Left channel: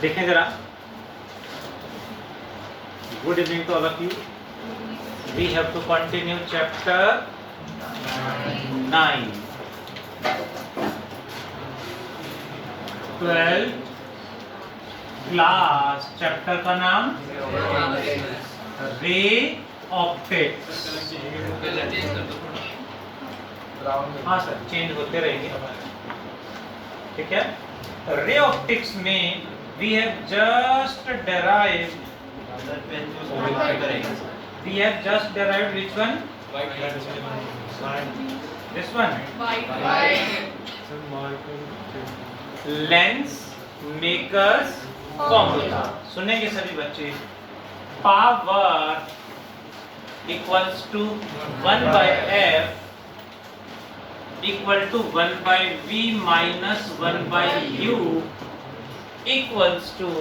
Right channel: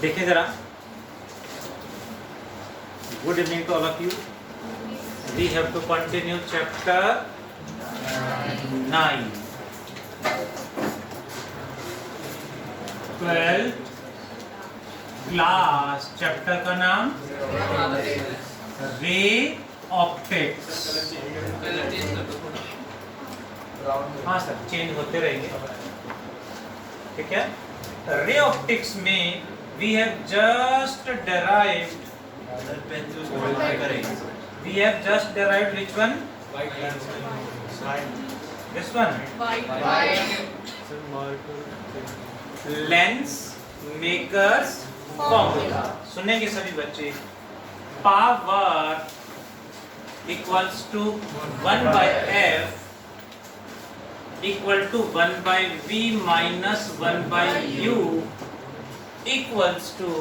देखें जरा. Good evening to all of you. We have to continue chapter 9. 12th class. Chapter का नाम ray optics. हाँ sir, change होते रहेंगे. ठीक है. रे ऑप्टिक्स में we have just derived which one? This one. Lens makers formula. सुनेंगे सभी बच्चे. Power equals to 1 by f equal to 1 by v minus 1 by u equals to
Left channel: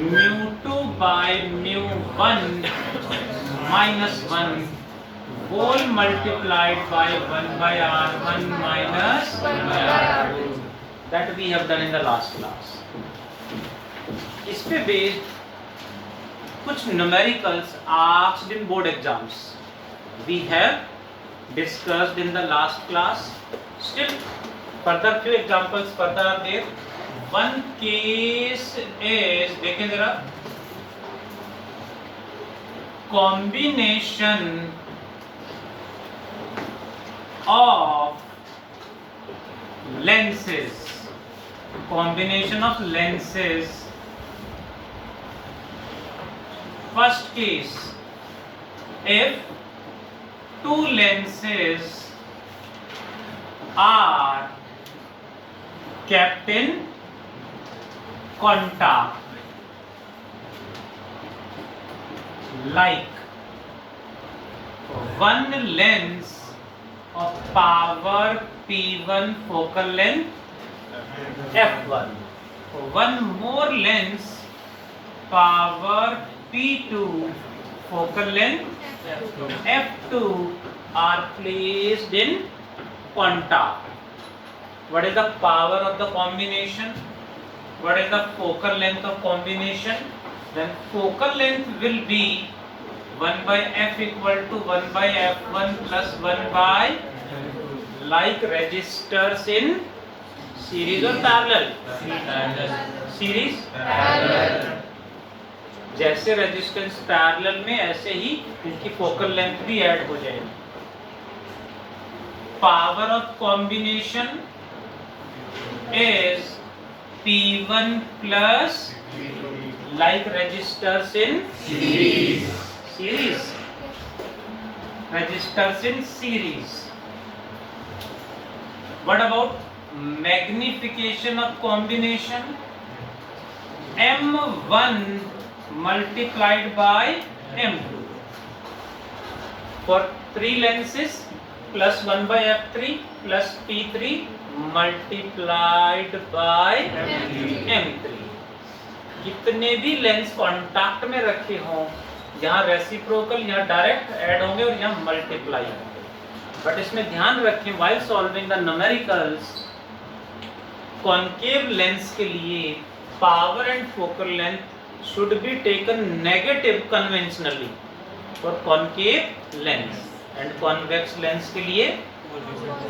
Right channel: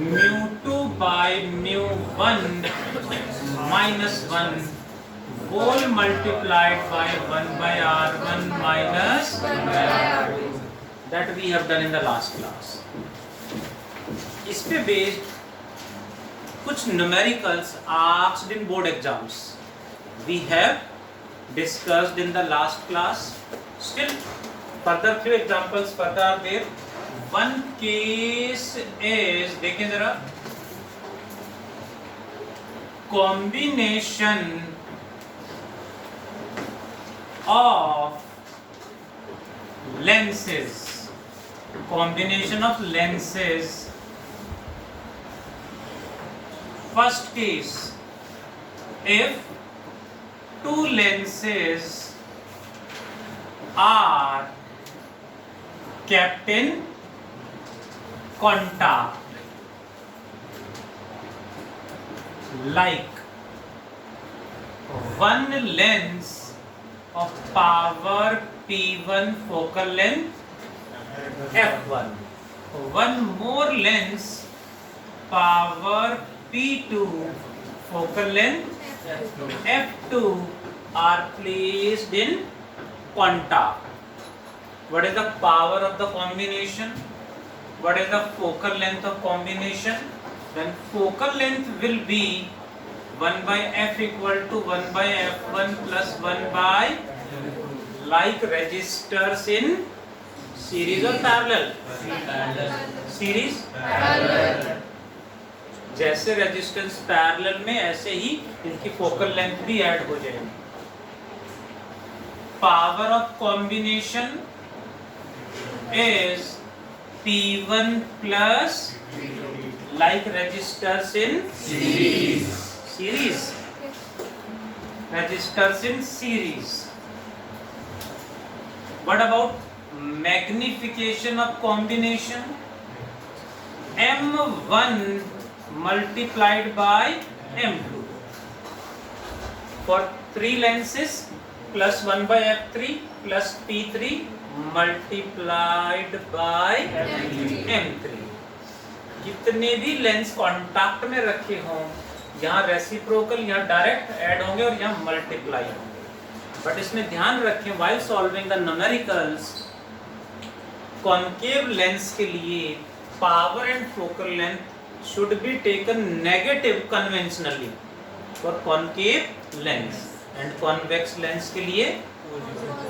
mu2 by mu1 minus 1 whole multiplied by 1 by r1 minus 1 by r2. That we have done in the last class. इस पे based कुछ numericals asked in board exams we have discussed in the last class. Still further few examples further are there. One case is, देखें जरा, combination of lenses. Combination of lenses. First case, if two lenses are kept in contact, like one lens of power p1 focal length f1, one more lens power p2 focal length f2 are placed in contact. What is the power of the combination? What is the focal length of combination? Then focal length will be 1 by f equal to 1 by f1 plus 1 by, like resistors in series or parallel? Series? Parallel. जैसे resistance parallel में ऐसे ही इनकी focal length भी add हो जाएगी. Power of combination is P1 plus, like resistors in series. Resistors in series. What about magnification of combination? M1 multiplied by M2 for 3 lenses plus 1 by f3 plus p3 multiplied by m3. कितने भी lens contact में रखे हों, यहाँ reciprocal, यहाँ direct add होंगे और यहाँ मल्टीप्लाई होंगे. बट इसमें ध्यान रखें, while solving the numericals, concave lens के लिए power and focal length should be taken negative conventionally for concave lens, and convex lens के लिए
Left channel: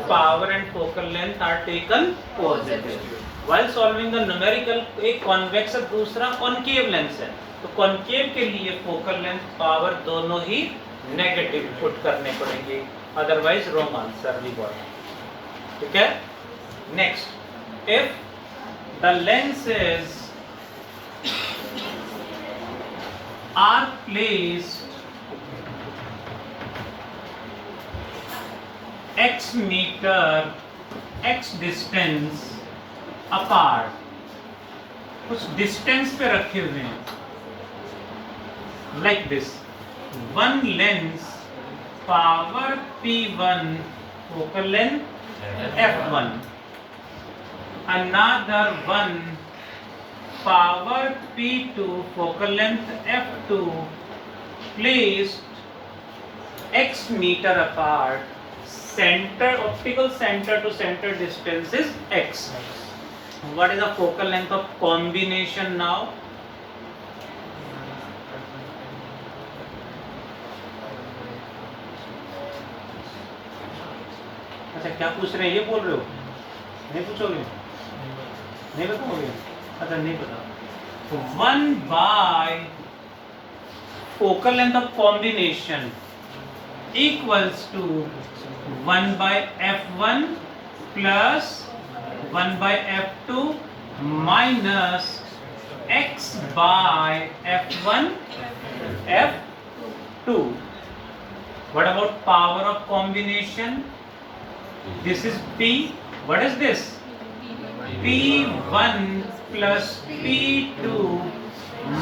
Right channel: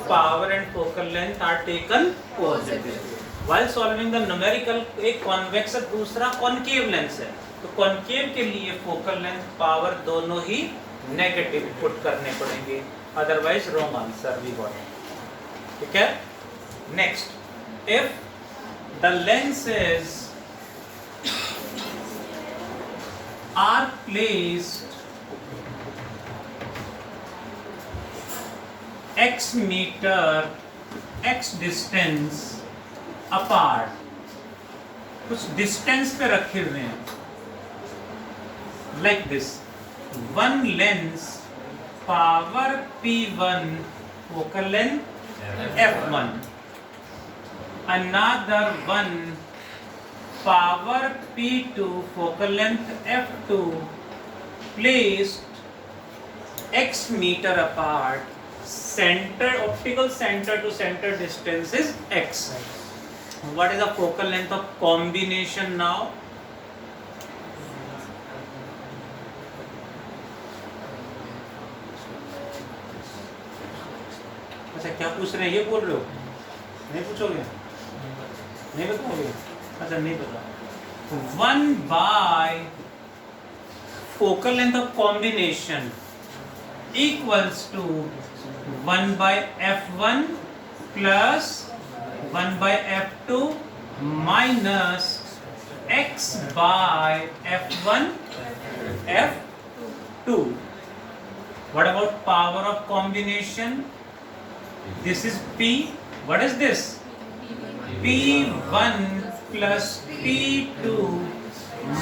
power and focal length are taken positive. While solving the numerical, एक convex और दूसरा concave lens है, तो concave के लिए focal length power दोनों ही negative put करने पड़ेंगे, otherwise wrong answer we got. ठीक है. Next, if the lenses are placed x meter x distance apart, कुछ डिस्टेंस पे रखे हुए हैं, like this. One lens power p1 focal length f1, another one power p2 focal length f2 placed x meter apart. Center, optical center to center distance is x. What is the focal length of combination now? अच्छा क्या पूछ रहे हैं, ये बोल रहे हो? नहीं पूछोगे? नहीं बताओगे? अच्छा नहीं पता। 1 by focal length of combination equals to 1 by f1 plus 1 by f2 minus x by f1 f2. What about power of combination? This is p. What is this? p1 plus p2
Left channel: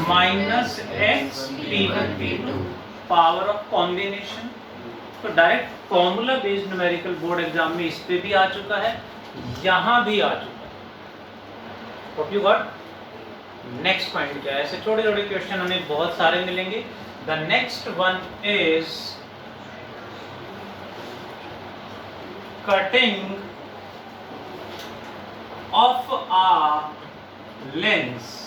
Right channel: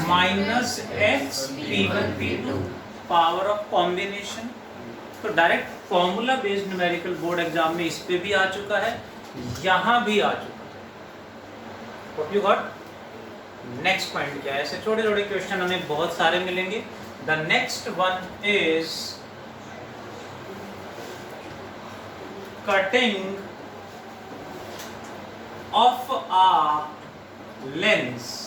minus x p1 p2. Power of combination. तो direct formula based numerical board exam में इस पे भी आ चुका है, यहां भी आ चुका है। What you got? Next point क्या है? ऐसे छोटे छोटे क्वेश्चन हमें बहुत सारे मिलेंगे। The next one is cutting of a lens.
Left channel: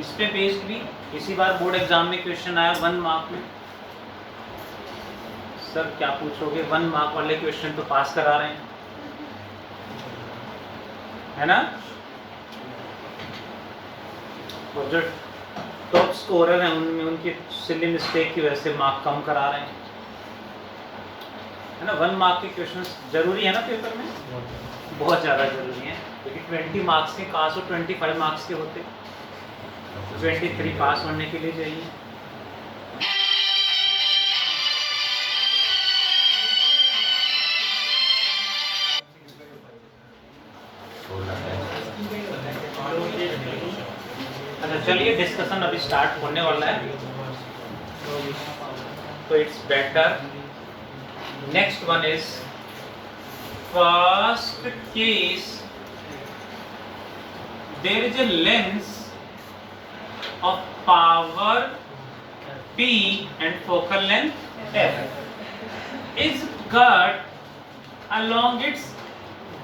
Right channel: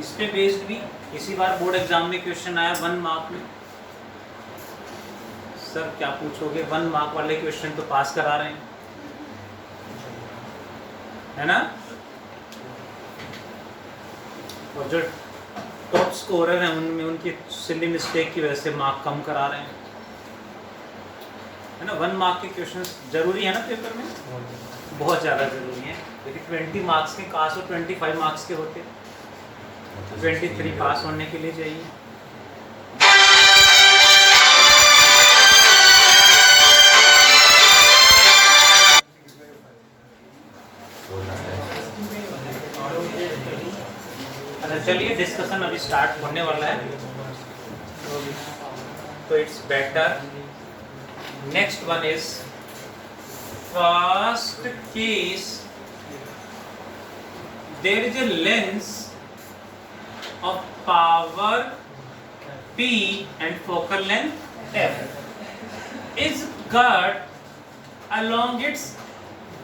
इस पे बेस्ड भी इसी बार बोर्ड एग्जाम में क्वेश्चन आया 1 मार्क में। सर क्या पूछोगे, 1 मार्क वाले क्वेश्चन तो पास करा रहे हैं, है ना? और जो टॉप स्कोरर हैं उनमें उनकी सिली मिस्टेक की वजह से मार्क कम करा रहे हैं, है ना? 1 मार्क के क्वेश्चन जरूरी है ना पेपर में, बहुत ज़्यादा जरूरी है, क्योंकि 20 मार्क्स के काश और 25 मार्क्स के होते, 23 पास होने के लिए चाहिए। अच्छा चलिए, डिस्कशन अभी स्टार्ट होने वाला है, तो it's better. Next one is first case, there is a lens of power p and focal length f is cut along its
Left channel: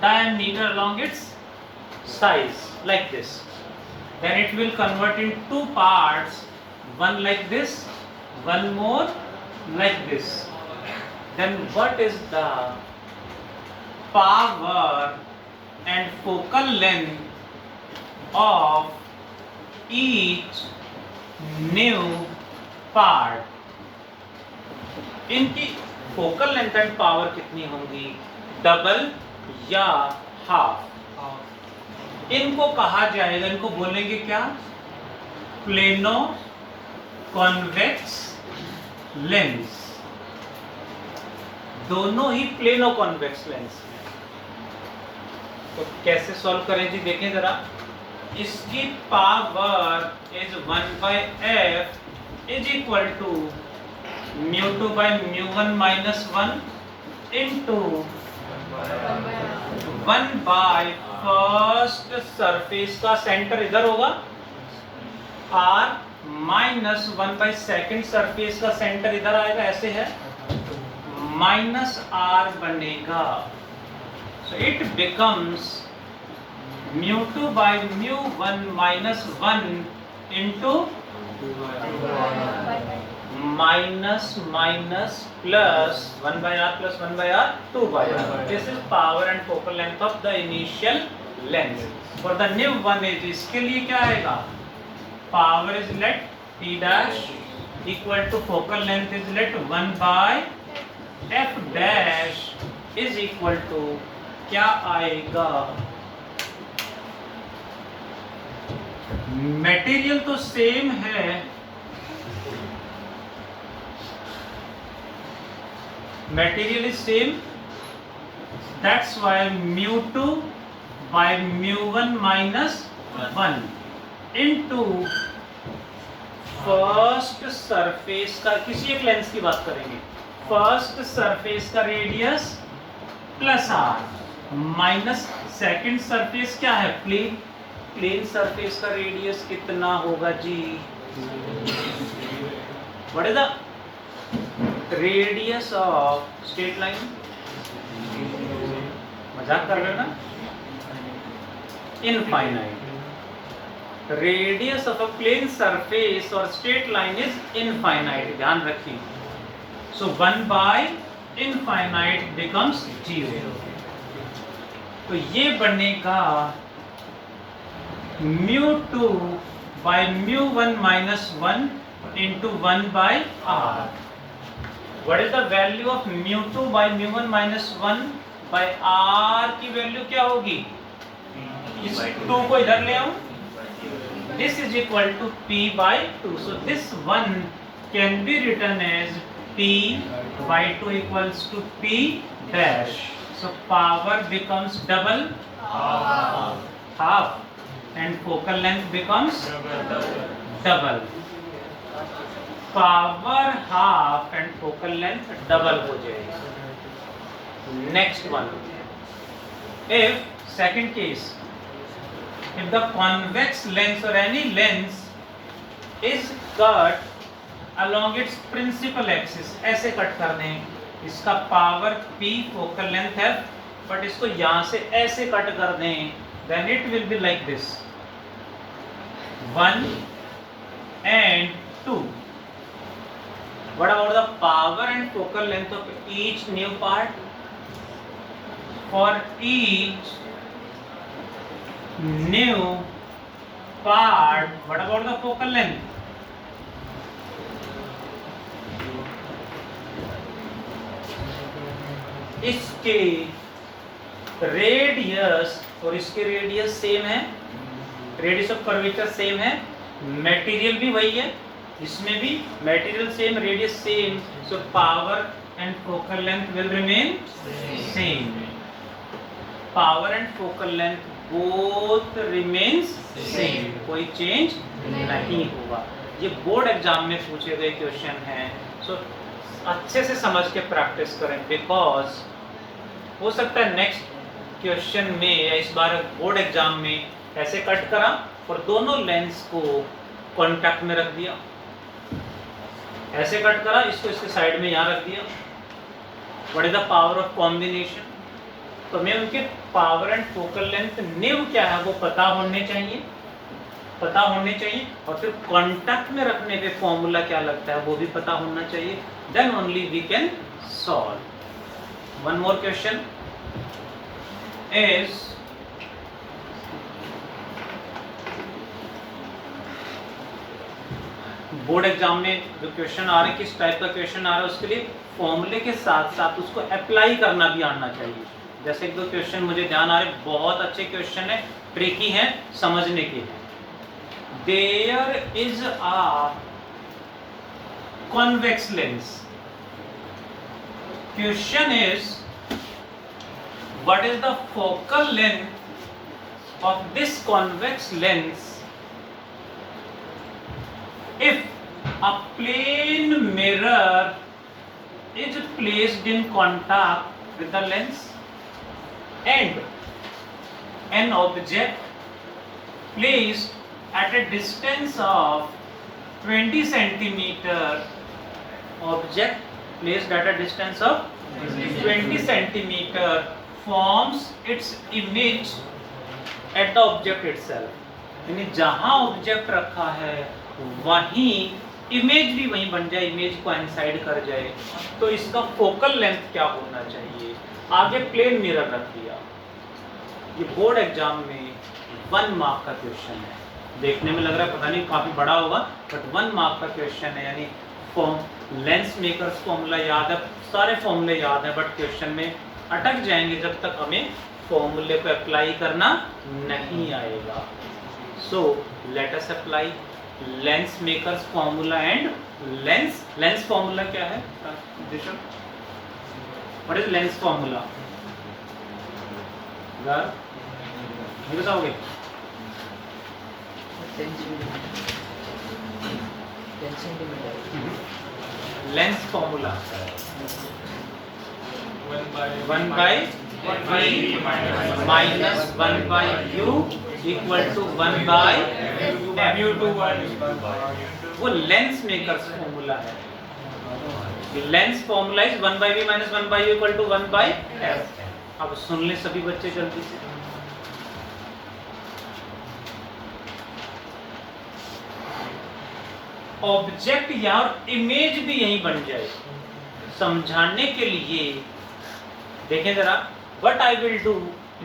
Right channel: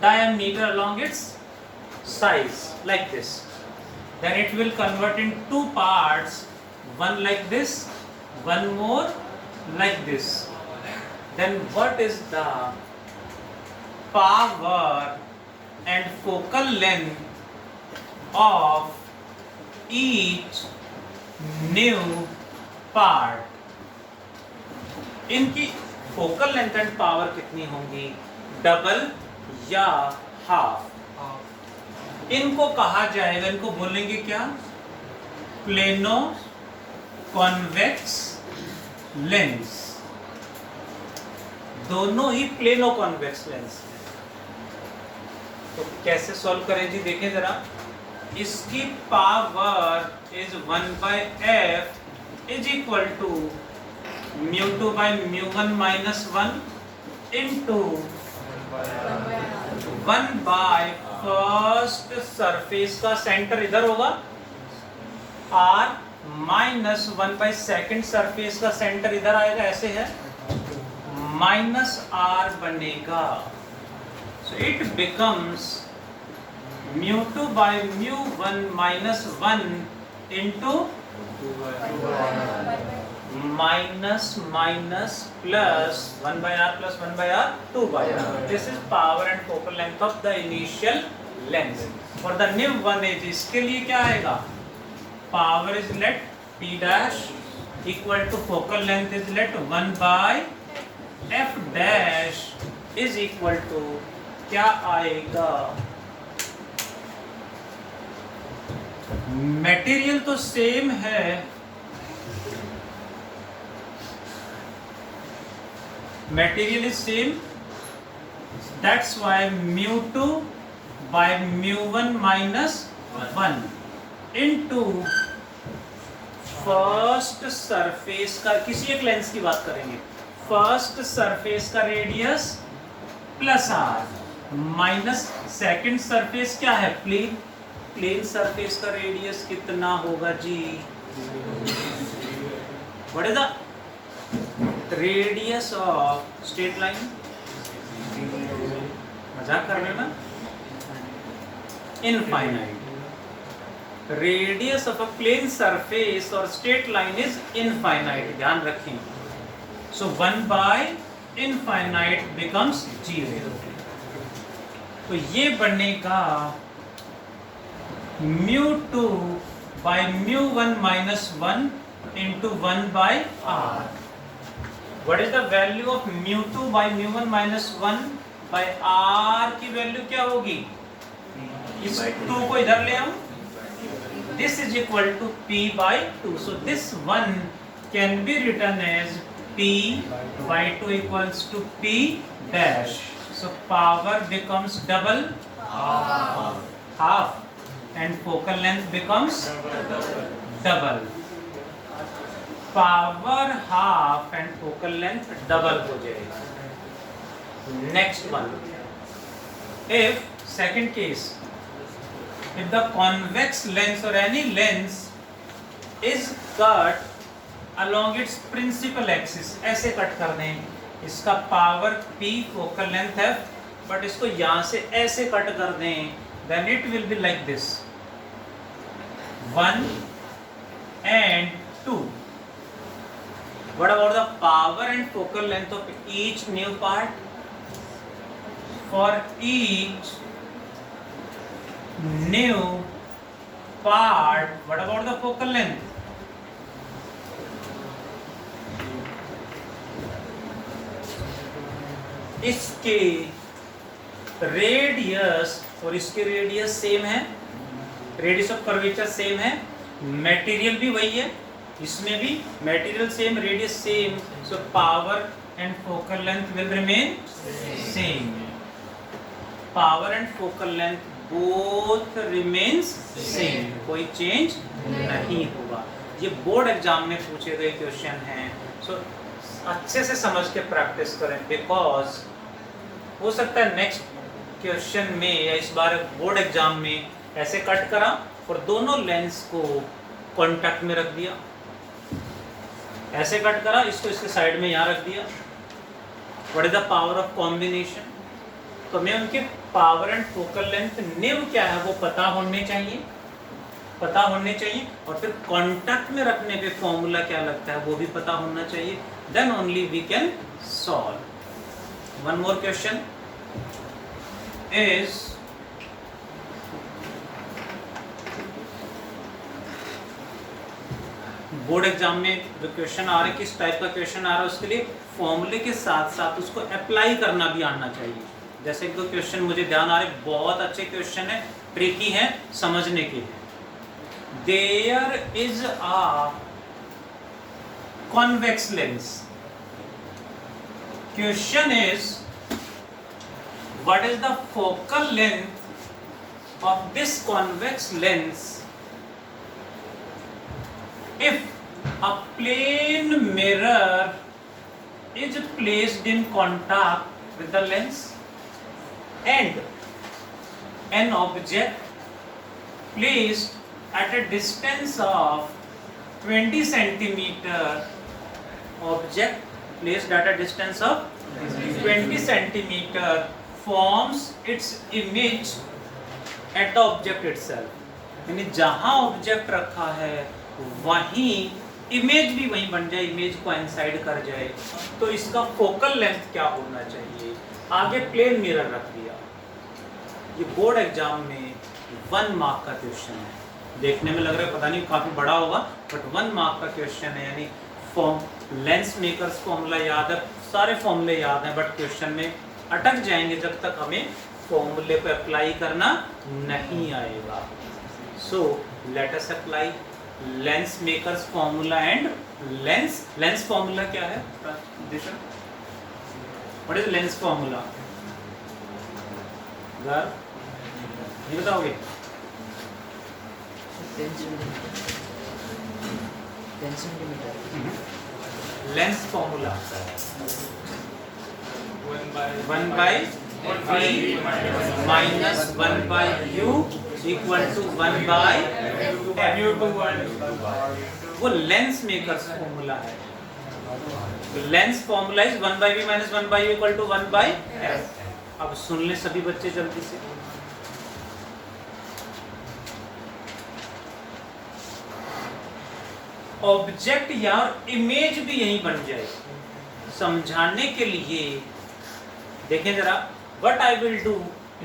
diameter, along its size like this. Then it will convert in 2 parts, one like this, one more like this. Then what is the power and focal length of each new part? इनकी focal length and power कितनी होंगी, double या half? इनको कहा जाएगा, इनको बोलेंगे क्या? Plano convex lens. दोनों ही प्लेनो कॉन्वेक्स लेंस। तो कैसे सॉल्व करें जी, देखें जरा। इसकी power is 1 by f is equal to μ2 by μ1 minus 1 into 1 by first surface का सेंटर इधर होगा r minus 1 by second surface का सेंटर इधर आएगा, ऐसे है, माइनस r बनेगा। So it becomes μ2 by μ1 minus 1 into minus minus plus 1 by r plus 1 by r 2 by r. This is power and focal length of the initial lens. For the new one is, इसके लिए क्या आएगा? Power is let p dash equal to focal length is let 1 by f dash is equal to क्या आएगा? Material तो same है, material is same, that's why μ2 by μ1 minus 1 into first surface का, किसी एक लेंस की बात करेंगे, फर्स्ट सरफेस का radius plus r minus second surface क्या है, प्लेन, प्लेन सरफेस का रेडियस कितना होगा जी? What is the radius of straight line? मजाक कर रहे हो ना? Infinite. Radius of a plane surface और स्ट्रेट लाइन इज इनफाइनाइट, ध्यान रखें। So 1 by infinite becomes 0। तो ये बनेगा μ2 by μ1 minus 1 into 1 by r। What is the value of μ2 by μ1 minus 1 by r की वैल्यू क्या होगी? इस 2 को इधर ले आऊं, this is equal to p by 2। So this 1 can be written as p by 2 equals to p dash. So power becomes double, half, and focal length becomes double. Power half and focal length double हो जाएगा। Next one, if second case, if the convex lens or any lens is cut along its principal axis, ऐसे cut कर दें, इसका power p, focal length f, but इसको यहाँ से ऐसे कट कर दें, then it will be like this, 1 and 2. What about the power and focal length of each new part? For each new part, what about the focal length? इसके radius और इसके radius same है, radius of curvature same है, material भी वही है, इसमें भी material same, radius same, so power and focal length will remain same. Power and focal length both remains same, कोई चेंज नहीं होगा। ये बोर्ड एग्जाम में पूछे गए क्वेश्चन हैं, सो अच्छे से समझ के प्रैक्टिस करें, बिकॉज हो सकता है नेक्स्ट क्वेश्चन में या इस बार बोर्ड एग्जाम में ऐसे कट करा और दोनों लेंस को कॉन्टैक्ट में रख दिया, ऐसे कट करा, इसको इसके साइड में यहाँ रख दिया। What is the power of combination? तो हमें उनके power and focal length new क्या है वो पता होने चाहिए, पता होने चाहिए, और फिर कॉन्टैक्ट में रखने पे फॉर्मूला क्या लगता है वो भी पता होना चाहिए, then only we can solve. One more question is board exam में जो क्वेश्चन आ रहे हैं, किस टाइप का क्वेश्चन आ रहा है उसके लिए फॉर्मूले के साथ साथ उसको अप्लाई करना भी आना चाहिए। जैसे एक दो क्वेश्चन मुझे ध्यान आ रहे, बहुत अच्छे क्वेश्चन है, ट्रिकी है, समझने के हैं। There is a convex lens. Question is, what is the focal length of this convex lens if a plane mirror is placed in contact with the lens and an object placed at a distance of 20 centimeter, object placed at a distance of 20 centimeter forms its image at the object itself। यानी जहां object रखा है वहीं image भी वहीं बन जाए, image को इंसाइड कर जाए, तो इसका फोकल लेंथ क्या होना चाहिए? आगे प्लेन मिरर रख दिया। ये बोर्ड एग्जाम में 1 मार्क का क्वेश्चन है, देखने में लग रहा है पता नहीं काफी बड़ा होगा, बट 1 मार्क का क्वेश्चन है। यानी लेंस मेकर्स फॉर्मूला याद है, सारे फॉर्मूले याद हैं, बट क्वेश्चन में अटक जाएंगे जब तक हमें फॉर्मूले को अप्लाई करना नहीं आएगा। So let us apply lens makers formula and lens formula क्या है? What is lens formula? ये बताओगे? Lens formula 1 by v minus 1 by u equal to 1 by वो लेंस मेकर्स फॉर्मूला है। Lens formula is 1 by v minus 1 by u equal to 1 by f। अब सुन ले सभी बच्चे जल्दी से, ऑब्जेक्ट या इमेज भी यहीं बन जाए। समझाने के लिए देखें जरा, व्हाट आई विल डू,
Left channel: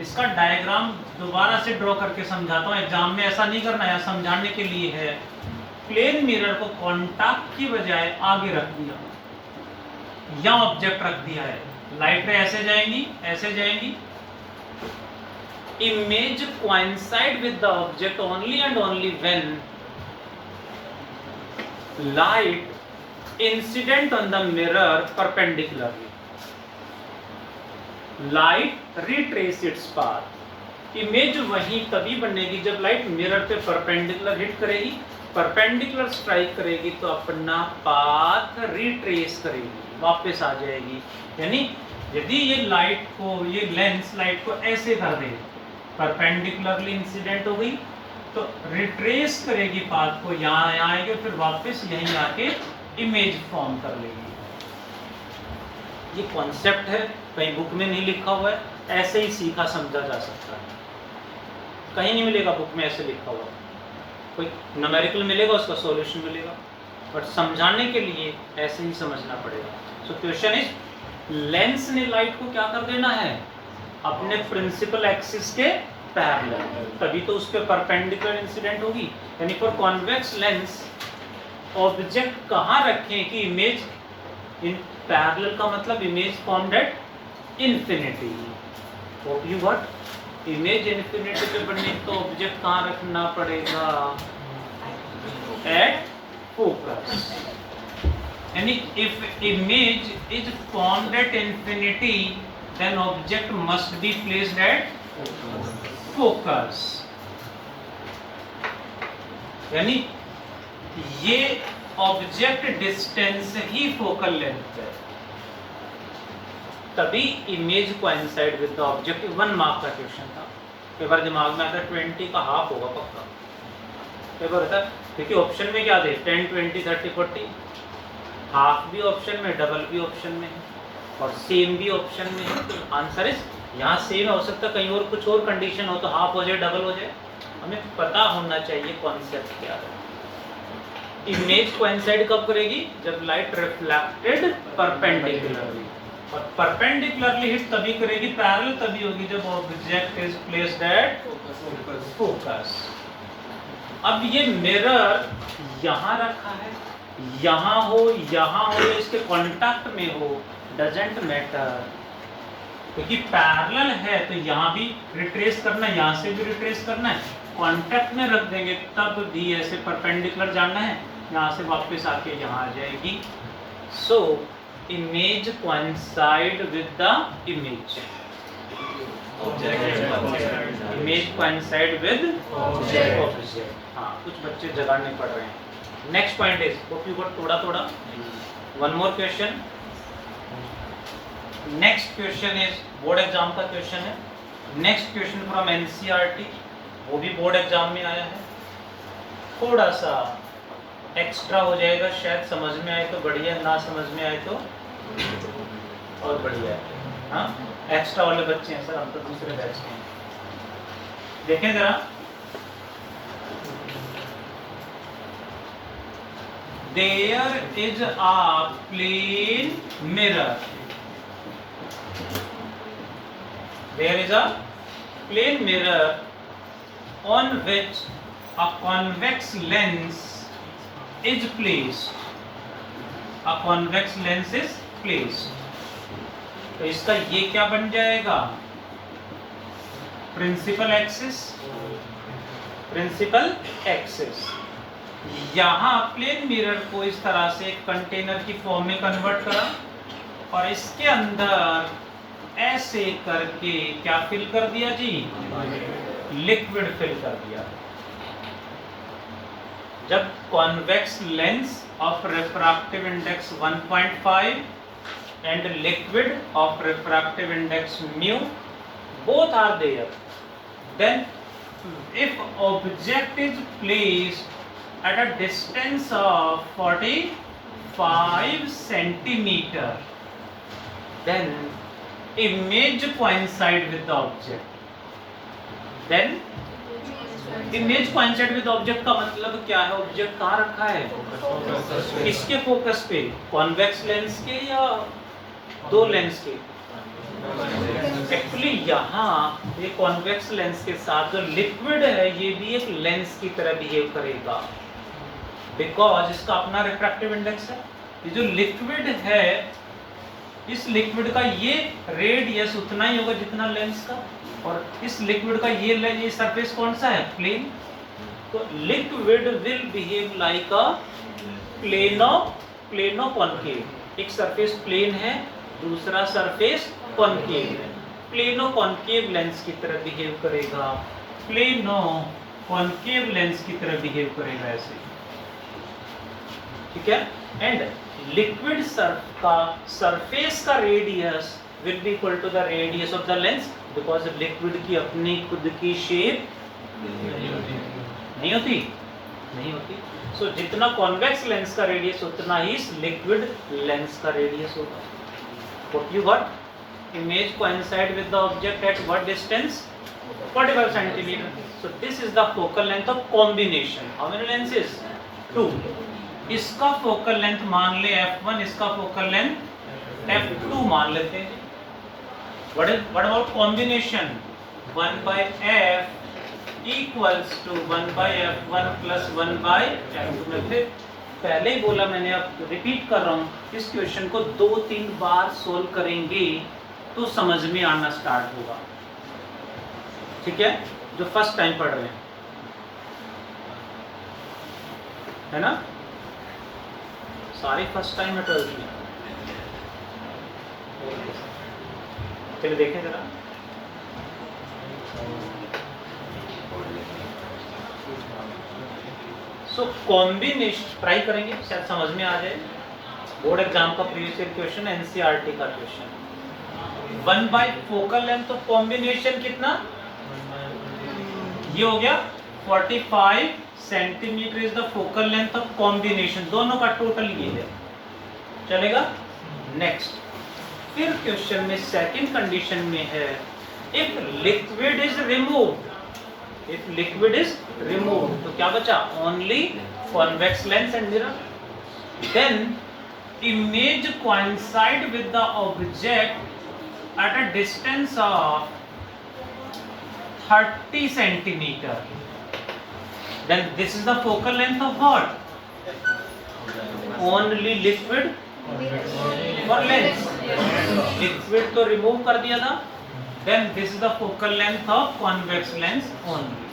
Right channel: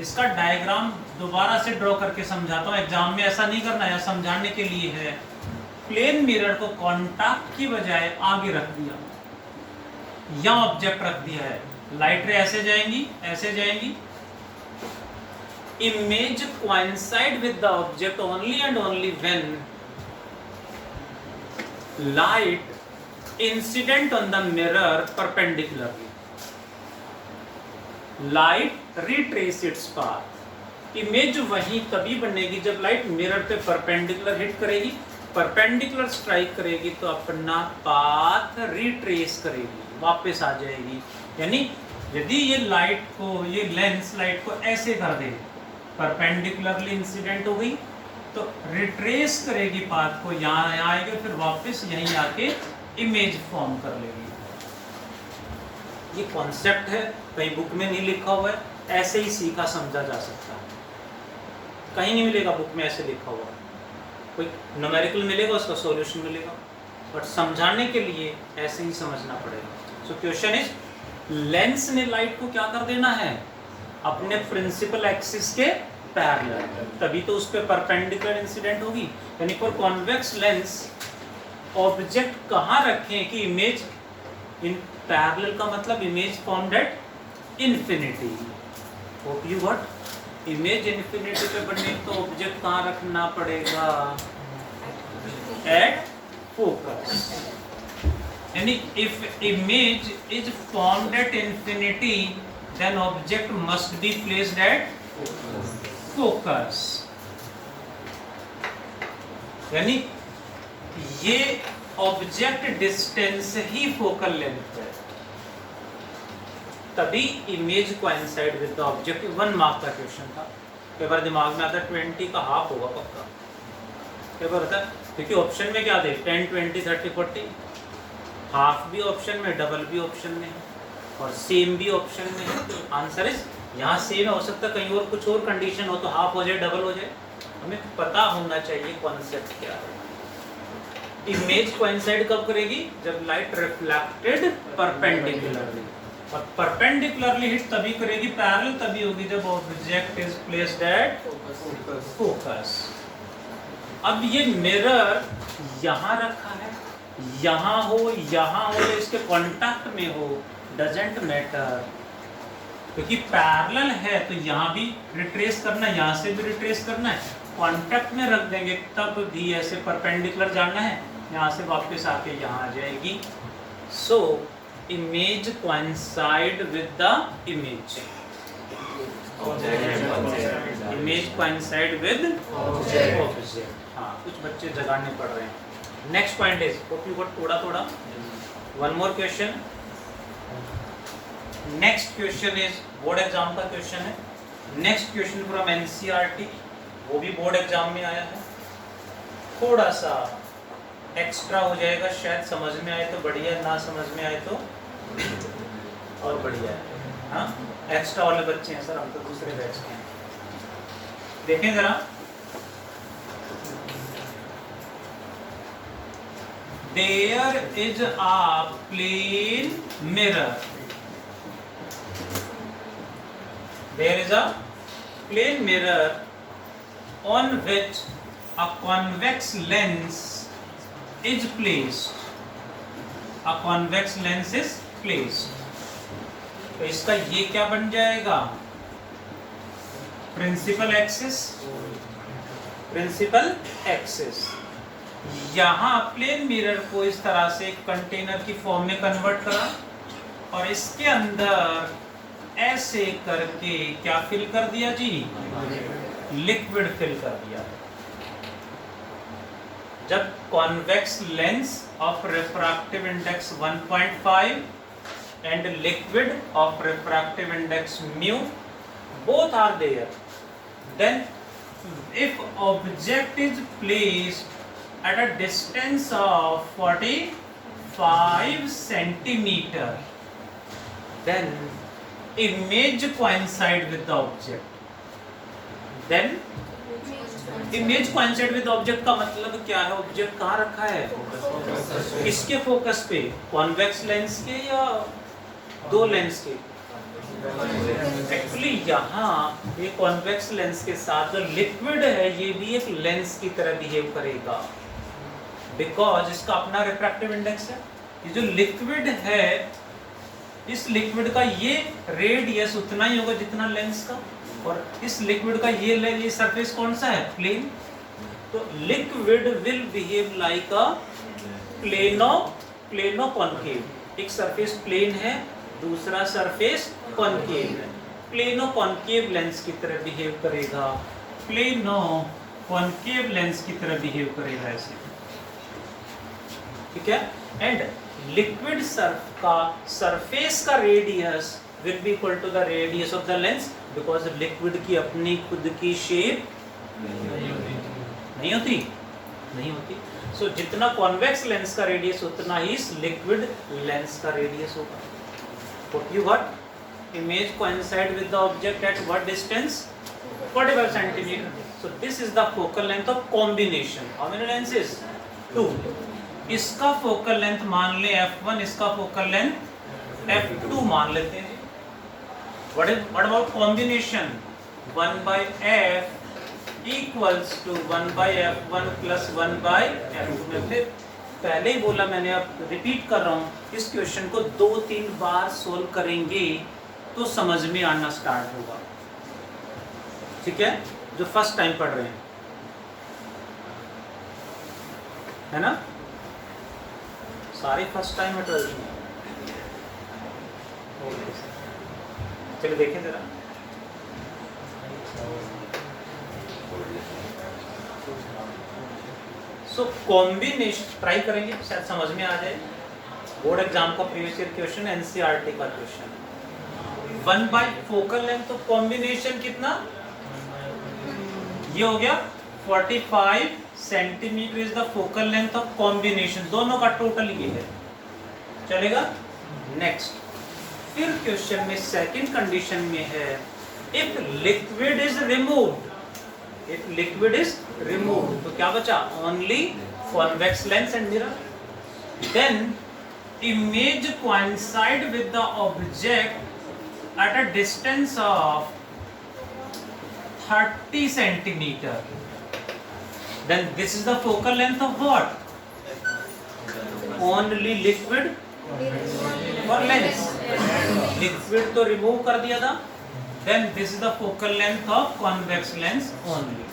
इसका डायग्राम दोबारा से ड्रॉ करके समझाता हूँ। एग्जाम में ऐसा नहीं करना है, समझाने के लिए है। प्लेन मिरर को कॉन्टैक्ट की बजाय आगे रख दिया, या ऑब्जेक्ट रख दिया है। लाइट रे ऐसे जाएंगी, ऐसे जाएंगी। Image coincide with the object only and only when light incident on the mirror perpendicularly. Light retrace its path. Image वहीं तभी बनेगी जब लाइट मिरर पे परपेंडिकुलर हिट करेगी, परपेंडिकुलर स्ट्राइक करेगी तो अपना पाथ रिट्रेस करेगी, वापस आ जाएगी। यानी यदि ये लाइट को, ये लेंस लाइट को ऐसे कर दे, परपेंडिकुलरली इंसिडेंट हो गई, तो रिट्रेस करेगी पाथ को, यहाँ आएगी, फिर वापस यहीं आके इमेज फॉर्म कर लेगी। ये कॉन्सेप्ट है, कहीं बुक में नहीं लिखा हुआ है, ऐसे ही सीखा समझा जा सकता है। कहीं नहीं मिलेगा बुक में ऐसे लिखा हुआ, कोई न्यूमेरिकल मिलेगा, उसका सॉल्यूशन मिलेगा, बट समझाने के लिए ऐसे ही समझना पड़ेगा। सो क्वेश्चन इज, लेंस ने लाइट को क्या कर देना है, अपने प्रिंसिपल एक्सिस के पैरेलल, तभी तो उस पे परपेंडिकुलर इंसिडेंट होगी। यानी फॉर कॉन्वेक्स लेंस ऑब्जेक्ट कहाँ रखें कि इमेज इन पैरेलल, का मतलब image formed at infinity. Hope you got. Image infinity पे बनने तो ऑब्जेक्ट कहाँ रखना पड़ेगा, एट फोकस। यानी if image is formed at infinity, then object must be placed at focus. यानी ये ऑब्जेक्ट डिस्टेंस ही फोकल लेंथ है, तभी image coincide with the object. 1 mark का क्वेश्चन था, कई बार दिमाग में आता है 20 का हाफ होगा पक्का, कई बार होता है, क्योंकि ऑप्शन में क्या थे, 10, 20, 30, 40, हाफ भी ऑप्शन में, डबल भी ऑप्शन में है, और सेम भी ऑप्शन में है। आंसर इज, यहाँ सेम हो सकता है, कहीं और कुछ और कंडीशन हो तो हाफ हो जाए, डबल हो जाए। हमें पता होना चाहिए कॉन्सेप्ट क्या है। इमेज कोइंसाइड कब करेगी, जब लाइट रिफ्लेक्टेड परपेंडिकुलरली, और परपेंडिकुलरली हिट तभी करेगी, पैरेलल तभी होगी जब object is placed at focus. अब ये मिरर यहाँ रखा है, यहाँ हो, यहाँ हो, इसके कांटेक्ट में हो, डजंट मैटर, क्योंकि पैरेलल है तो यहाँ भी रिट्रेस करना है, यहाँ से भी रिट्रेस करना है, कांटेक्ट में रख देंगे तब भी ऐसे परपेंडिकुलर जाना है, यहाँ से वापस आके यहाँ आ जाएगी। So image coincide with the image, image coincide with object. हाँ, कुछ बच्चे जगाने पड़ रहे हैं। Next point is, hope you got थोड़ा। One more question. Next question is board exam का क्वेश्चन है। Next question from NCERT, वो भी बोर्ड एग्जाम में आया है। थोड़ा सा एक्स्ट्रा हो जाएगा, शायद समझ में आए तो बढ़िया, ना समझ में आए तो और बढ़िया है। हाँ, एक्स्ट्रा वाले बच्चे हैं सर, हम तो दूसरे बैच के हैं। देखें जरा, there is a plane mirror, there is a plane mirror on which a convex lens is placed, a convex lens is placed। तो इसका ये क्या बन जाएगा, प्रिंसिपल एक्सिस, प्रिंसिपल एक्सिस। यहाँ प्लेन मिरर को इस तरह से एक कंटेनर की फॉर्म में कन्वर्ट करा, और इसके अंदर ऐसे करके क्या फिल कर दिया जी, लिक्विड फिल कर दिया। जब convex lens of refractive index 1.5 and liquid of refractive index mu both are there, then if object is placed at a distance of 45 centimeter, then image coincide with the object, then image coincide with object का मतलब क्या है? Object कहाँ रखा है? इसके focus पे, convex lens के या दो लेंस के? एक्चुअली यहाँ ये कॉन्वेक्स लेंस के साथ जो लिक्विड है ये भी एक लेंस की तरह बिहेव करेगा, बिकॉज इसका अपना रिफ्रैक्टिव इंडेक्स है। ये जो लिक्विड है, इस लिक्विड का ये रेडियस उतना ही होगा जितना लेंस का, और इस लिक्विड का ये सरफेस कौन सा है? प्लेन। तो liquid will behave like a plano concave. एक सरफेस प्लेन है, दूसरा सरफेस कॉन्केव है। प्लेनो कॉन्केव लेंस की तरह बिहेव करेगा, प्लेनो कॉन्केव लेंस की तरह बिहेव करेगा ऐसे, ठीक है। एंड लिक्विड का सरफेस का radius will be equal to the radius of the lens, because liquid की अपनी खुद की शेप नहीं होती। सो जितना कॉन्वेक्स लेंस का रेडियस उतना ही इस लिक्विड लेंस का रेडियस होगा। What you got? Image coincide with the object at what distance? 45 centimeter. So this is the focal length of combination. How many lenses? 2. इसका फोकल लेंथ मान ले f1, इसका focal length f2 मान लेते हैं। What about combination? 1 by f equals to 1 by f1 plus 1 by f2 में पहले ही बोला मैंने, अब रिपीट कर रहा हूँ, इस क्वेश्चन को 2-3 बार सोल्व करेंगे तो समझ में आना स्टार्ट होगा, ठीक है। जो फर्स्ट टाइम पढ़ रहे हैं, है ना, सारे फर्स्ट टाइम है 12th में। चलिए देखें जरा। सो कॉम्बिनेशन ट्राई करेंगे, शायद समझ में आ जाए। बोर्ड एग्जाम का प्रीवियस ईयर क्वेश्चन, एनसीईआरटी का क्वेश्चन। 1 बाय फोकल लेंथ, तो कॉम्बिनेशन कितना ये हो गया 45 centimetre is the focal length of combination, दोनों का टोटल ये है, चलेगा। नेक्स्ट, फिर क्वेश्चन में सेकंड कंडीशन में है, if liquid is removed, if liquid is removed, तो क्या बचा? Only convex lens and mirror. Then image coincide with the object at a distance of 30 centimeter. Then this is the focal length of what? Only liquid or lens? Liquid तो remove कर दिया था। Then this is the focal length of convex lens only.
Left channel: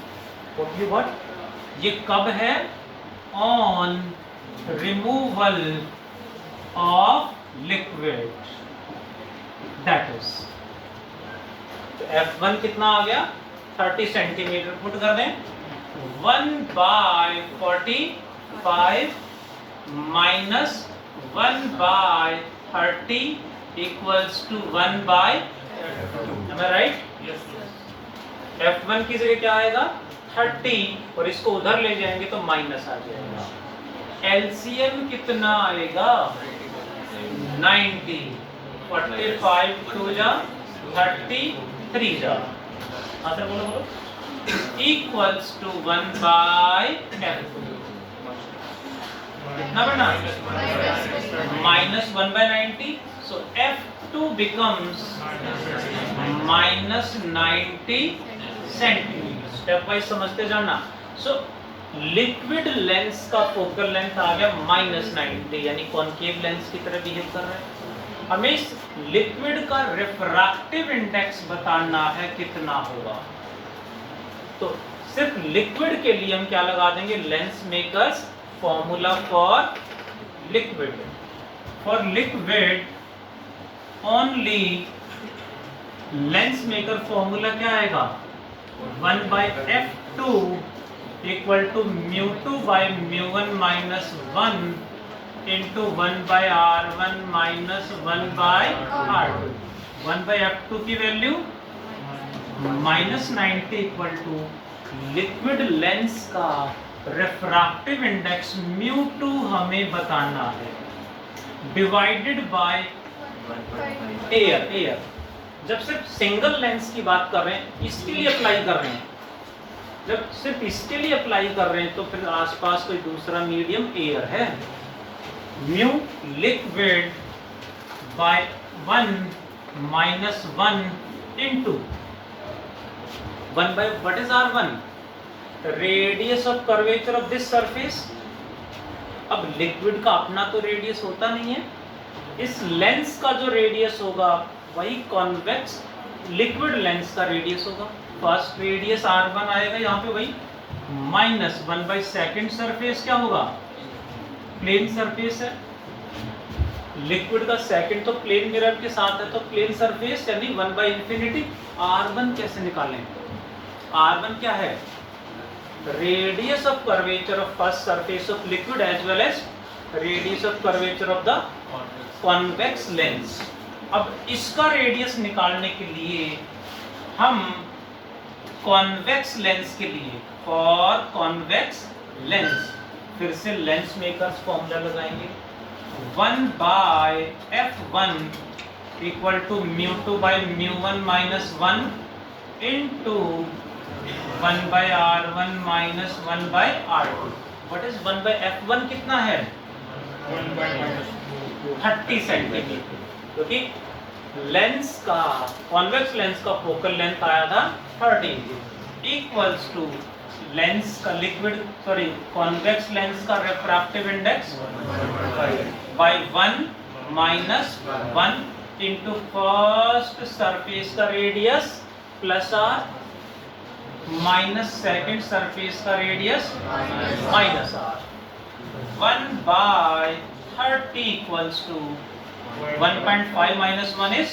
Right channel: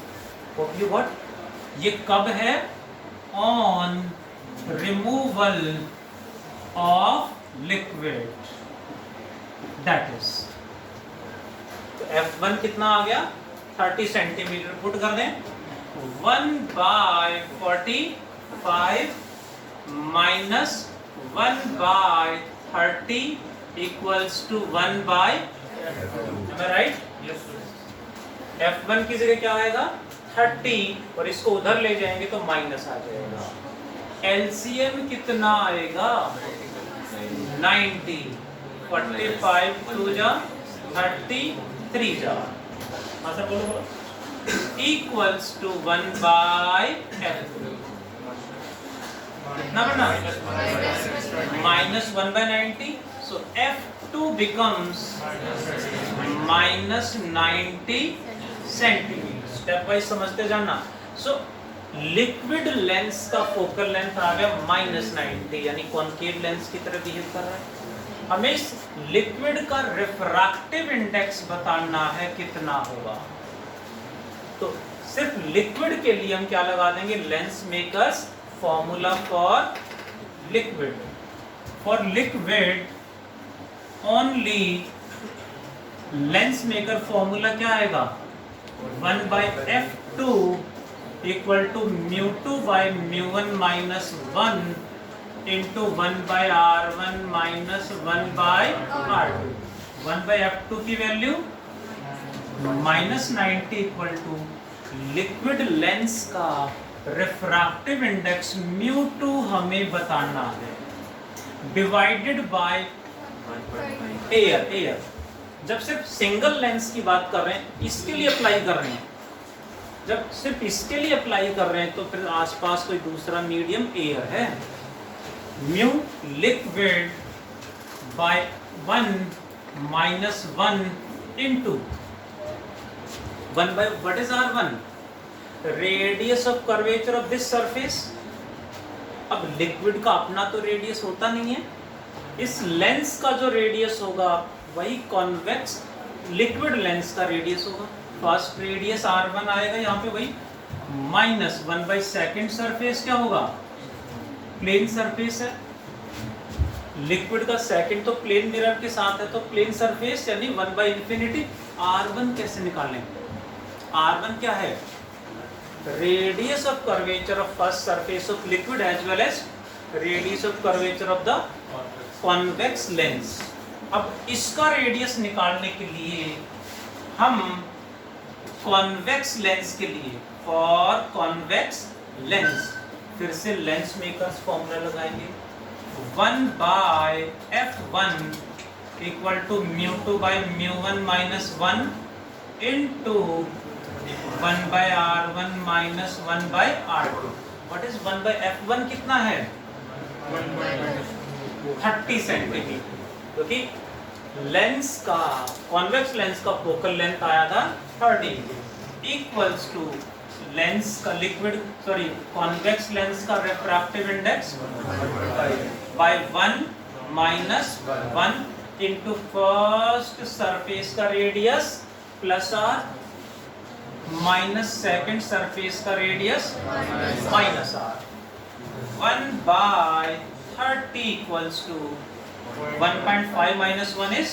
What you got? ये कब है? On removal of liquid. That is. तो F1 कितना आ गया? 30 सेंटीमीटर। पुट कर दें 1 by 45 minus 1 by 30 equals to 1 by, am I right? F1 की जगह क्या आएगा? 30, और इसको उधर ले जाएंगे तो माइनस आ जाएगा। एलसीएम कितना आएगा? 90, 45 टू जा 33 जा, आगे बोलो, इक्वल्स टू 1 बाय F2। कितना बना? Minus 1 by 90, so F2 becomes minus 90 centimetre. Step wise समझते जाना। सो लिक्विड लेंस का फोकल लेंथ आ गया -90, यानी कॉन्केव लेंस की तरह बिहेव कर रहा है। हमें इस लिक्विड का रिफ्रैक्टिव इंडेक्स बताना है कितना होगा। तो सिर्फ लिक्विड के लिए हम क्या लगा देंगे? Lens makers formula for liquid. For liquid only lens maker formula क्या आएगा? 1 by F2 equal to mu2 by mu1 minus 1 into 1 by R1 minus 1 by R2। 1 by F2 की value -90 equal to liquid lens का refractive index mu2 हमें बताना है, divided by air. जब सिर्फ single lens की बात कर रहे हैं, इसके लिए अप्लाई कर रहे हैं, जब सिर्फ इसके लिए अप्लाई कर रहे हैं तो फिर आसपास कोई दूसरा मीडियम एयर है। Mu liquid bye 1 minus 1 into 1 by what is R1? Radius of curvature of this surface। अब लिक्विड का अपना तो रेडियस होता नहीं है, इस लेंस का जो रेडियस होगा वही कॉन्वेक्स लिक्विड लेंस का रेडियस होगा। फर्स्ट रेडियस R1 आएगा यहाँ पे वही -1 by सेकेंड सरफेस क्या होगा, प्लेन सरफेस है। लिक्विड का सेकंड तो प्लेन मिरर के साथ है तो प्लेन सरफेस यानी 1 by इंफिनिटी। R1 कैसे निकालें? R1 क्या है? Radius of curvature of first surface of liquid as well as radius of curvature of the convex lens. अब इसका रेडियस निकालने के लिए हम कॉन्वेक्स लेंस के लिए फॉर कॉन्वेक्स लेंस फिर से लेंस मेकर्स फॉर्मूला लगाएंगे। 1 by f1 equal to mu2 by mu1 minus 1 into 1 by r1 minus 1 by r2। What is 1 by f1 कितना है? 30 सेंटीमीटर, क्योंकि लेंस का कॉन्वेक्स लेंस का फोकल लेंथ आया था 30 इक्वल्स टू लेंस का लिक्विड कॉन्वेक्स लेंस का refractive index by 1 minus 1 into first surface का radius plus r minus second surface का radius minus r। 1 by 30 equals to 1.5 minus 1 is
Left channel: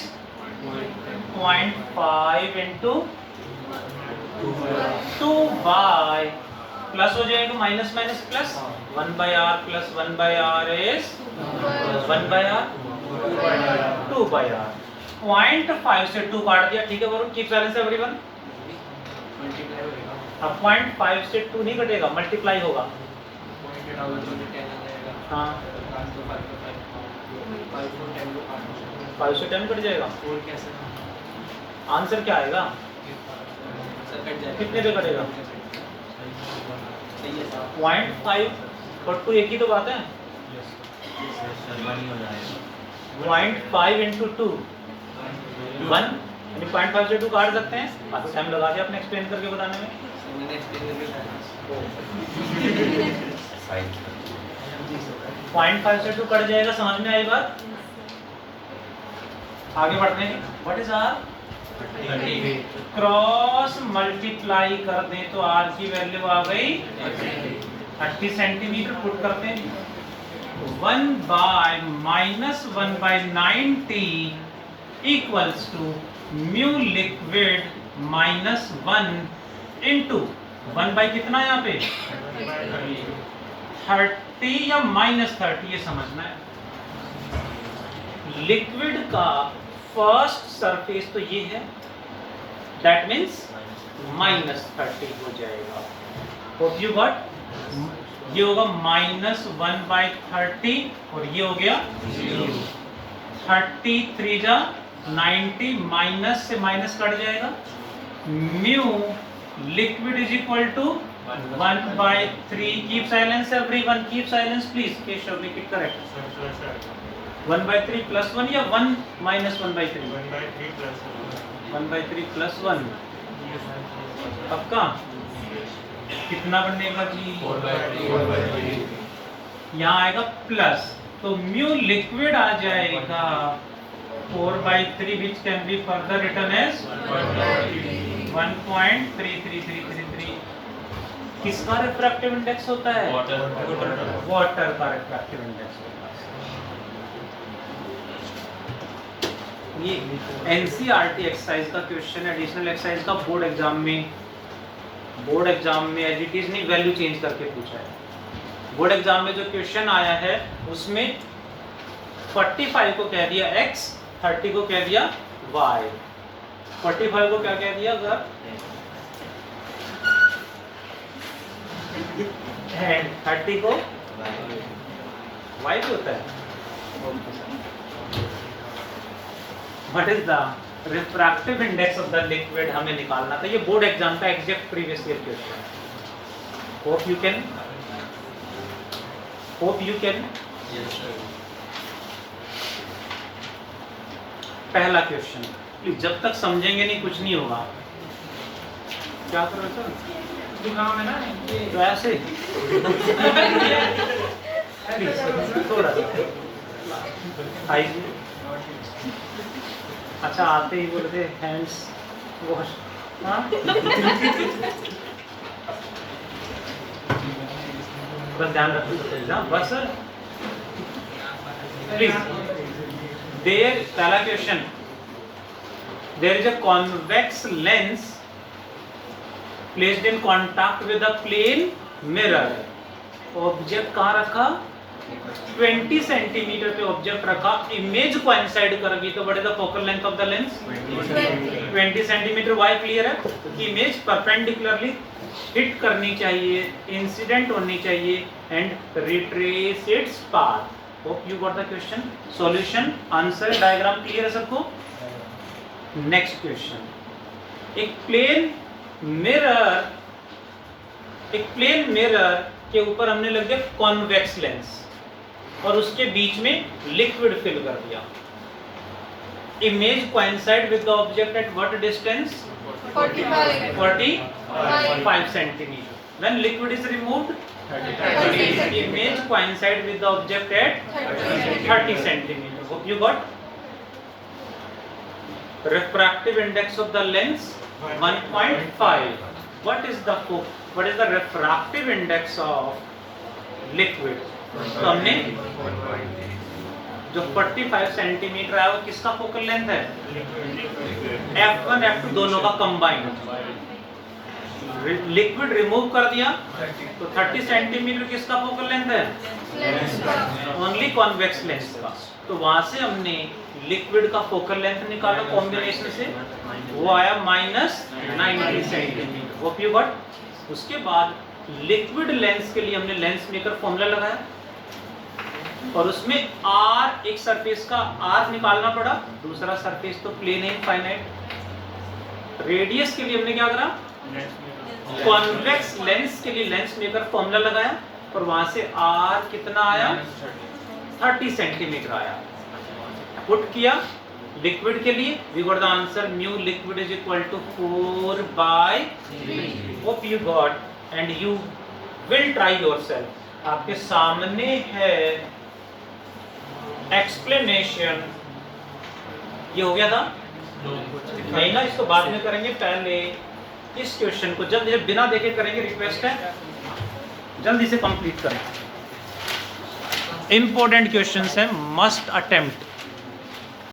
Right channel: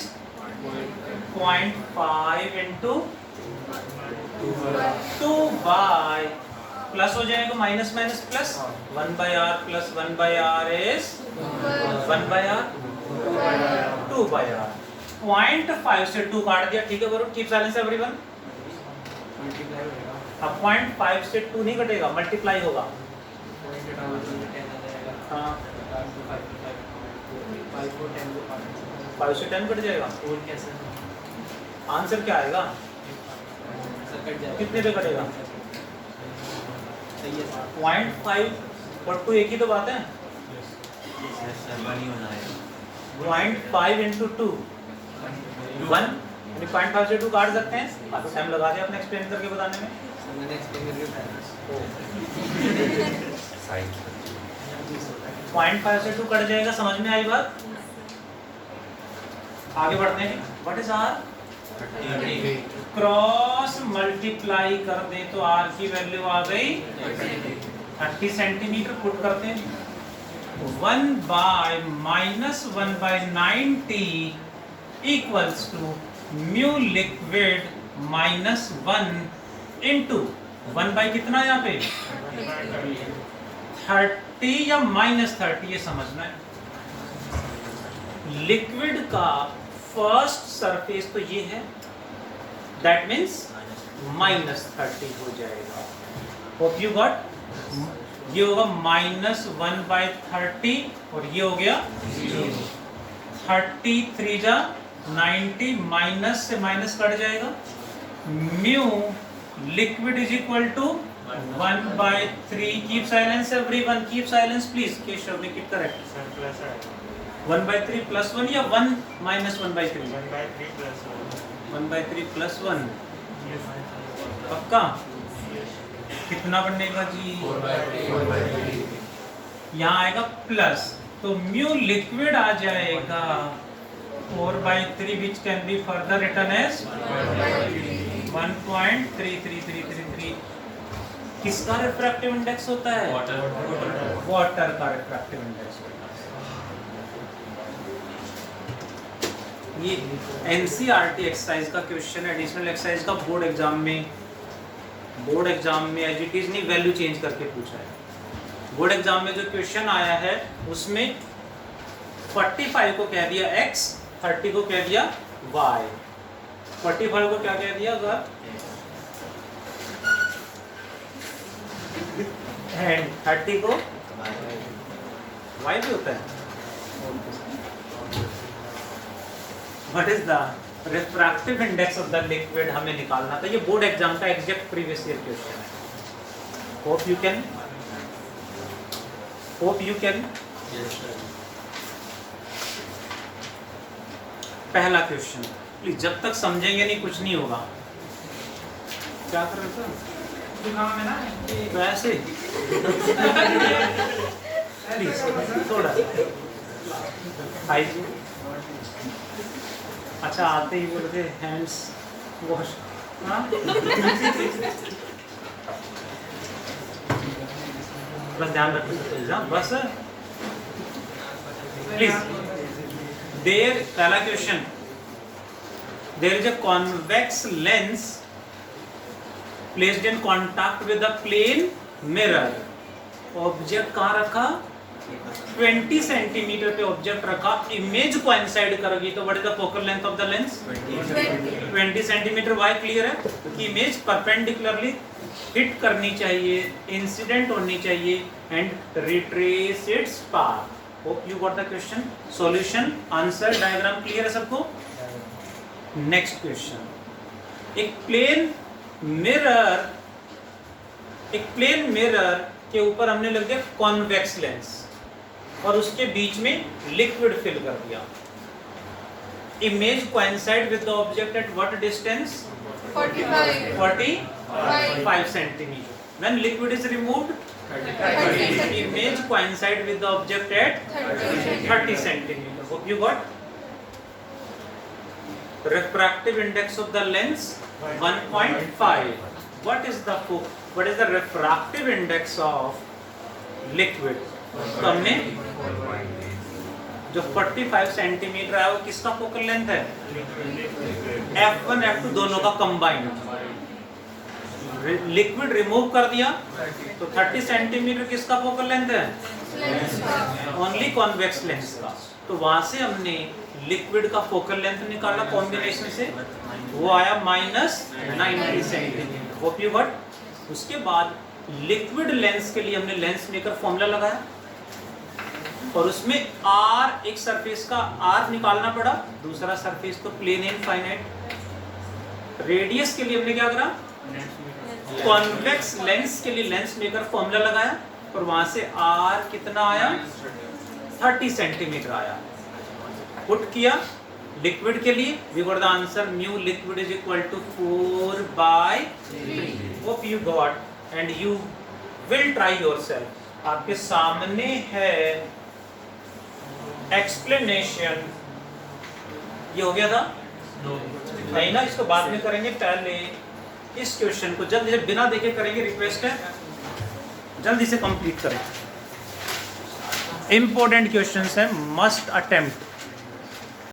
0.5 into 2 by plus हो जाएगा minus minus plus 1 by r plus 1 by r is 1 by r 2 by r। 0.5 से 2 काट दिया, ठीक है Varun, keep silence everyone. अब 0.5 से 2 नहीं कटेगा, मल्टीप्लाई होगा। हाँ 5 से 10 कट जाएगा। आंसर क्या आएगा? कितने पे कटेगा? 0.5 और 2 एक ही तो बात है। 0.5 into 2 1 यानी 0.5 से 2 काट सकते हैं। काफी टाइम लगा दिया अपने एक्सप्लेन करके बताने में। 0.5 से 2 कट जाएगा, समझ में आई बात? आगे बढ़ते हैं। What is R? Cross multiply कर दें तो r की वैल्यू आ गई 30 सेंटीमीटर। पुट करते हैं 1 by minus 1 by 90 equals to mu liquid minus 1 into 1 by कितना यहाँ पे 30 या -30 ये समझना है। लिक्विड का फर्स्ट सरफेस तो ये है, दैट मीन्स -30 हो जाएगा। Hope you got? ये होगा -1 by 30 और ये हो गया 33 जा 90, माइनस से माइनस कट जाएगा। Mu liquid is equal to 1 by 3। Keep silence everyone, keep silence please. Keshav make it correct. 1 by 3 plus 1 या 1 minus 1 by 3? 1 by 3 plus 1। 1 by 3 plus 1 पक्का? कितना बनेगा जी? 4 by 3। यहाँ आएगा प्लस, तो म्यू लिक्विड आ जाएगा 4 by 3 which can be further written as 1.33333। किसका refractive index होता है? वाटर का रिफ्रैक्टिव इंडेक्स होता है। ये एनसीईआरटी एक्सरसाइज का क्वेश्चन, एडिशनल एक्सरसाइज का बोर्ड एग्जाम में एज इट इज नहीं, वैल्यू चेंज करके पूछा है। बोर्ड एग्जाम में जो क्वेश्चन आया है उसमें 45 को कह दिया x, 30 को कह दिया y। 45 को क्या कह दिया अगर, एंड 30 को y भी होता है। What is the refractive index of the liquid हमें निकालना था। ये बोर्ड एग्जाम का एग्जैक्ट प्रीवियस ईयर क्वेश्चन है। होप यू कैन पहला क्वेश्चन प्लीज, जब तक समझेंगे नहीं कुछ नहीं होगा। क्या कर रहे हो सर? है ना तो ऐसे प्लीज थोड़ा हाइजीन। अच्छा आते ही बोलते हैंड्स वॉश। हाँ बस ध्यान रखो तो एग्जाम बस प्लीज। देयर पहला question, there is a convex lens placed in contact with a plane mirror. Object कहाँ रखा? 20 सेंटीमीटर पे ऑब्जेक्ट रखा। इमेज कोइंसाइड करेगी तो what is the focal length of the lens? 20 centimetre. Why clear है? क्योंकि image perpendicularly hit करनी चाहिए, इंसिडेंट होनी चाहिए and retrace its path. Hope you got the question. Solution, answer, diagram clear है सबको? नेक्स्ट क्वेश्चन, एक प्लेन मिरर के ऊपर हमने लग दिया कॉन्वेक्स लेंस और उसके बीच में लिक्विड फिल कर दिया। Image coincide with the object at what distance? 45 centimeter. When liquid is removed, image coincide with the object at 30 centimeter. Hope you got. Refractive index of the lens 1.5. What is the refractive index of liquid? तो हमने जो 45 centimetre है वो किसका focal length है? F1 F2 दोनों का combined. Liquid remove कर दिया तो 30 सेंटीमीटर किसका फोकल लेंथ है? ओनली कॉन्वेक्स लेंस का। तो वहां से हमने लिक्विड का फोकल लेंथ निकाला कॉम्बिनेशन से, वो आया -90 सेंटीमीटर। Hope you got. उसके बाद लिक्विड लेंस के लिए हमने लेंस मेकर फॉर्मूला लगाया और उसमें R, एक सरफेस का R निकालना पड़ा, दूसरा सरफेस तो प्लेन इनफाइनाइट। रेडियस के लिए हमने क्या करा? कॉन्वेक्स लेंस के लिए लेंस मेकर फॉर्मूला लगाया और वहां से R कितना आया? 30 सेंटीमीटर आया। पुट किया लिक्विड के लिए, we got the answer mu liquid is equal to 4/3। Hope you got and you will try yourself. आपके सामने है एक्सप्लेनेशन। ये हो गया था? नहीं ना, इसको बाद में करेंगे। पहले इस क्वेश्चन को जल्दी से बिना देखे करेंगे, रिक्वेस्ट है जल्दी से कंप्लीट करें। इंपॉर्टेंट क्वेश्चंस है, मस्ट अटेम्प्ट।